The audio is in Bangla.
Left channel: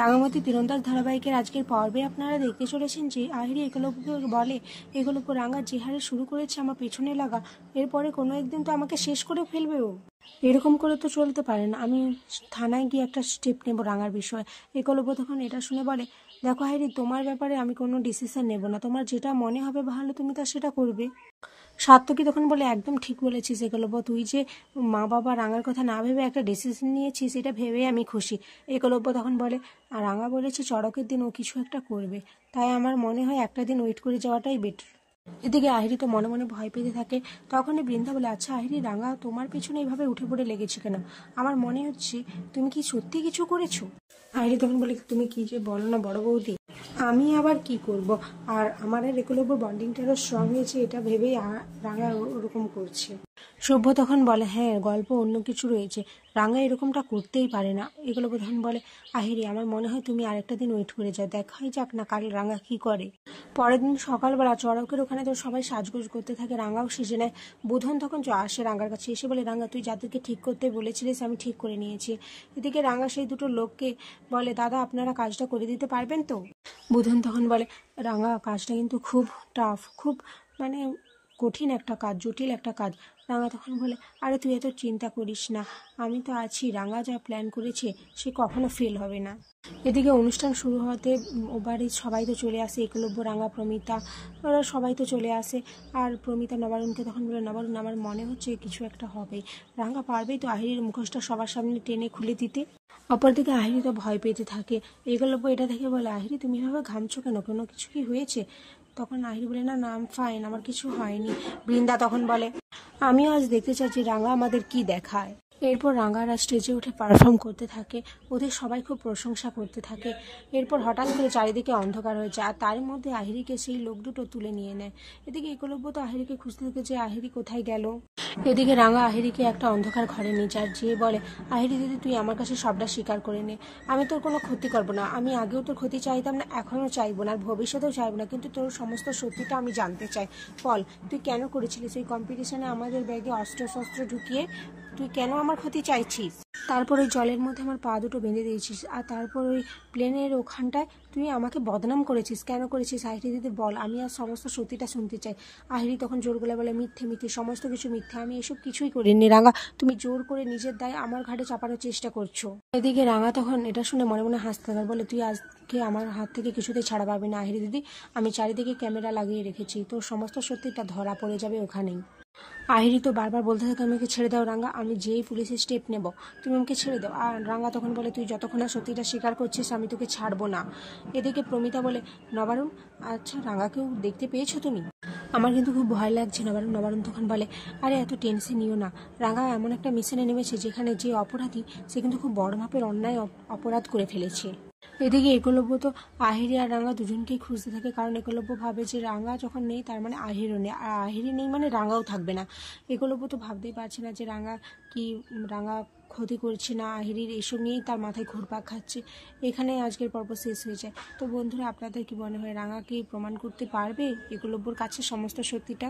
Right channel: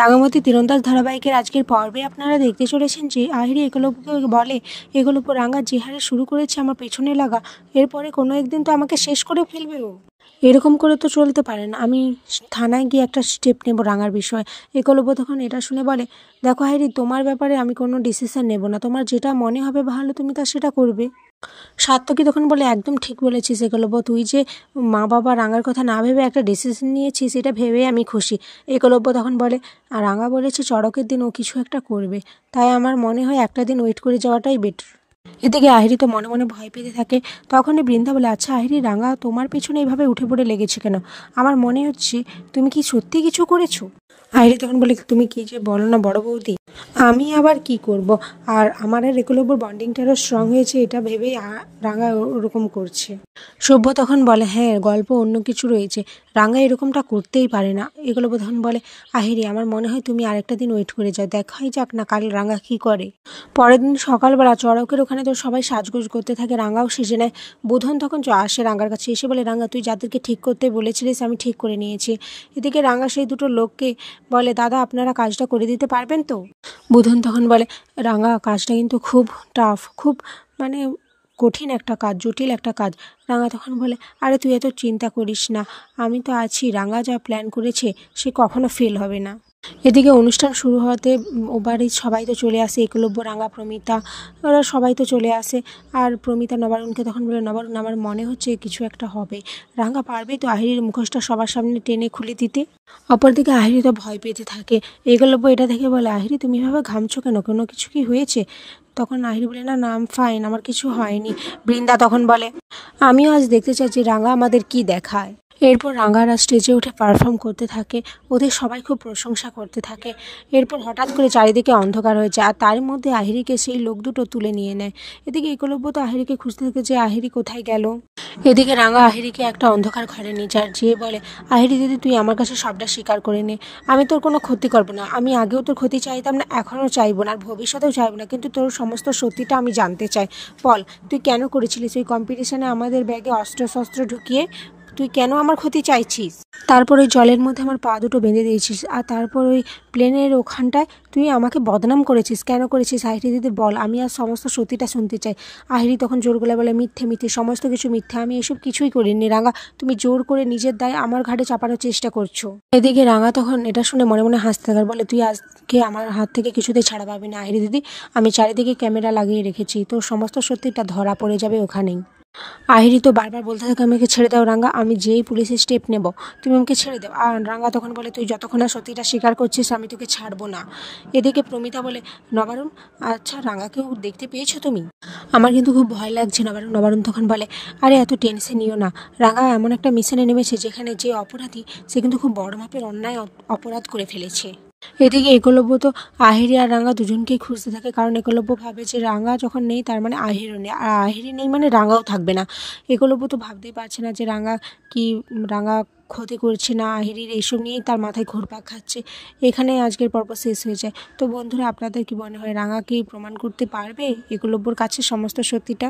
রাঙামাটি তীরন্দাজ ধারাবাহিকের আজকের পর্বে আপনারা দেখতে চলেছেন যে আহিরি একলব্যকে বলে, একলব্য রাঙা যে হারে শুরু করেছে আমার পেছনে লাগা, এরপরে কোনো একদিন তো আমাকে শেষ করে ফেলবে ও। এরকম করে তো চলতে পারে না, আমি থানায় গিয়ে একটা স্টেপ নেব রাঙার বিষয়ে। একলব্য তখন এটা শুনে বলে, দেখো আহিরি, তোমার ব্যাপারে আমি কোনো ডিসিশন নেব না, তোমার যেটা মনে হবে ভালো তুমি তা সেটা করবে। সাত্তকী তখন বলে, একদম ঠিক বলেছিস একলব্য, তুই যে মা বাবা রাঙার কথা না ভেবে একটা ডিসিশন নিয়েছিস এটা ভেবে আমি খুশি। একলব্য তখন বলে, আর রাঙা বলেছে চড়কের দিন ও কিছু একটা করবে, তাই আমার মনে হয় একটা দিন ওয়েট করে যাওয়াটাই বেটার। এদিকে আহিরি তো মনে মনে ভয় পেতে থাকে। তখনই বৃন্দা বলে, আচ্ছা আহিরি, রাঙা তোমার পেছনে এভাবে উঠে পড়ে লেগেছে কেন? আমার মনে হচ্ছে তুমি কি সত্যি কিছু করেছো? আহিরি তখন বলে, তুমি কি যে বলো না বড় বৌদি, আমি আবার কি করব, আর আমার আর একলব্যর বন্ডিংটা আরও স্ট্রং হয়েছে এটা ভেবেই রাঙা ওরকম করছে। সভ্য তখন বলে, হ্যাঁ গল্প অন্য কিছু রয়েছে, রাঙা এরকমটা করতেই পারে না। একলব্য তখন বলে, আহিরি আমার মনে হয় তুমি আরেকটা দিন ওয়েট করে যাও, দেখাই যাক না কাল রাঙা কি করে। পরের দিন সকালবেলা চড়কের ওখানে তো সবাই সাজগোজ করতে থাকে, রাঙাও সেজে নেয়। বুধন তখন আসে রাঙার কাছে, এসে বলে, রাঙা তুই যাদেরকে ঠিক করতে বলেছিলিস আমি ঠিক করে নিয়েছি। এদিকে রাঙা সেই দুটো লোককে বলে, দাদা আপনারা কাজটা করে দিতে পারবেন তো? বুধন তখন বলে, রাঙা কাজটা কিন্তু খুব টাফ, খুব মানে কঠিন একটা কাজ, জটিল একটা কাজ। রাঙা তখন বলে, আরে তুই এত চিন্তা করিস না, আমি তো আছি, রাঙা যা প্ল্যান করেছে সে কখনো ফেল হবে না। এদিকে অনুষ্ঠান শুরু হতে ও বাড়ির সবাই তো চলে আসে, একলব্য রাঙা প্রমিতা ওরা সবাই তো চলে আসে। আর প্রমিতা নবারুণকে তখন বলে, নবারুণ আমার মনে হচ্ছে কিছু একটা হবে, রাঙা পারবে তো আহিরির মুখোশটা সবার সামনে টেনে খুলে দিতে? অপরদিকে আহিরি তো ভয় পেতে থাকে। একলব্য এটা দেখে বলে, আহিরি তুমি এভাবে ঘামছো কেন, কোনো কিছু কি হয়েছে? তখন আহিরি বলে, না না আম ফাইন, আমার কিছু হয়নি। বৃন্দা তখন বলে, আমিও আজ দেখতে চাইছি রাঙা আমাদের কি দেখায়। এরপর রাঙারা স্টেজে উঠে পারফর্ম করতে থাকে, ওদের সবাই খুব প্রশংসা করতে থাকে। এরপর হঠাৎ করে চারিদিকে অন্ধকার হয়ে যায়, আর তার মধ্যে আহিরিকে সেই লোক দুটো তুলে নিয়ে নেয়। এদিকে একলব্য তো আহিরিকে খুঁজতে থাকে যে আহিরি কোথায় গেল। এদিকে রাঙা আহিরিকে একটা অন্ধকার ঘরে নিয়ে যায়, যেয়ে বলে, আহিরি দিদি তুই আমার কাছে সবটা স্বীকার করে নে, আমি তোর কোনো ক্ষতি করবো না, আমি আগেও তোর ক্ষতি চাইতাম না, এখনও চাইবো না, আর ভবিষ্যতেও চাইবো না, কিন্তু তোর সমস্ত সত্যিটা আমি জানতে চাই। বল তুই কেন করেছিলিস ওই কম্পিটিশনে আমাদের ব্যাগে অস্ত্র শস্ত্র ঢুকিয়ে? তুই কেন আমার ক্ষতি চাইছিস? তারপর ওই জলের মধ্যে আমার পা দুটো বেঁধে দিয়েছিস, আর তারপর ওই প্লেনের ওখানটায় তুই আমাকে বদনাম করেছিস, কেন করেছিস আহিরি দিদি বল, আমি আর সমস্ত সত্যিটা শুনতে চাই। আহিরি তখন জোর গলায় বলে, মিথ্যে মিথ্যে, সমস্ত কিছু মিথ্যে, আমি এসব কিছুই করিনি। রাঙা তুমি জোর করে নিজের দায় আমার ঘাড়ে চাপানোর চেষ্টা করছো। এদিকে রাঙা তখন এটা শুনে মনে মনে হাসতে থাকে, বলে, তুই আজকে আমার হাত থেকে কিছুতেই ছাড়া পাবি না আহিরি দিদি, আমি চারিদিকে ক্যামেরা লাগিয়ে রেখেছি, তোর সমস্ত সত্যিটা ধরা পড়ে যাবে ওখানেই। আহিরি তো বারবার বলতে থাকে, আমাকে ছেড়ে দাও রাঙা, আমি যেই পুলিশের স্টেপ নেব তুমি আমাকে ছেড়ে দাও। আর রাঙা তখন বলে, তুই যতক্ষণ না সত্যিটা স্বীকার করছিস আমি তোকে ছাড়বো না। এদিকে প্রমিতা বলে, নবারুণ আচ্ছা রাঙাকেও দেখতে পেয়েছো তুমি? আমার কিন্তু খুব ভয় লাগছে নবারুণ। নবারুণ তখন বলে, আরে এত টেনশন নিও না, রাঙা এমন একটা মিশনে নেমেছে যেখানে যে অপরাধী সে কিন্তু খুব বড় মাপের অন্যায় অপরাধ করে ফেলেছে। এদিকে একলব্য তো আহিরি আর রাঙা দুজনকেই খুঁজতে থাকে, কারণ একলব্য ভাবে যে রাঙা যখন নেই তার মানে আহিরও নেই, আর আহিরি নেই মানে রাঙাও থাকবে না। একলব্য তো ভাবতেই পারছে না যে রাঙা ক্ষতি করছে না আহিরির, এইসব নিয়েই তার মাথায় ঘুরপাক খাচ্ছে। এখানে আজকের পর্ব শেষ হয়ে যায়। তো বন্ধুরা আপনাদের কি মনে হয়, রাঙা কি প্রমাণ করতে পারবে একলব্যর কাছে সমস্ত সত্যিটা?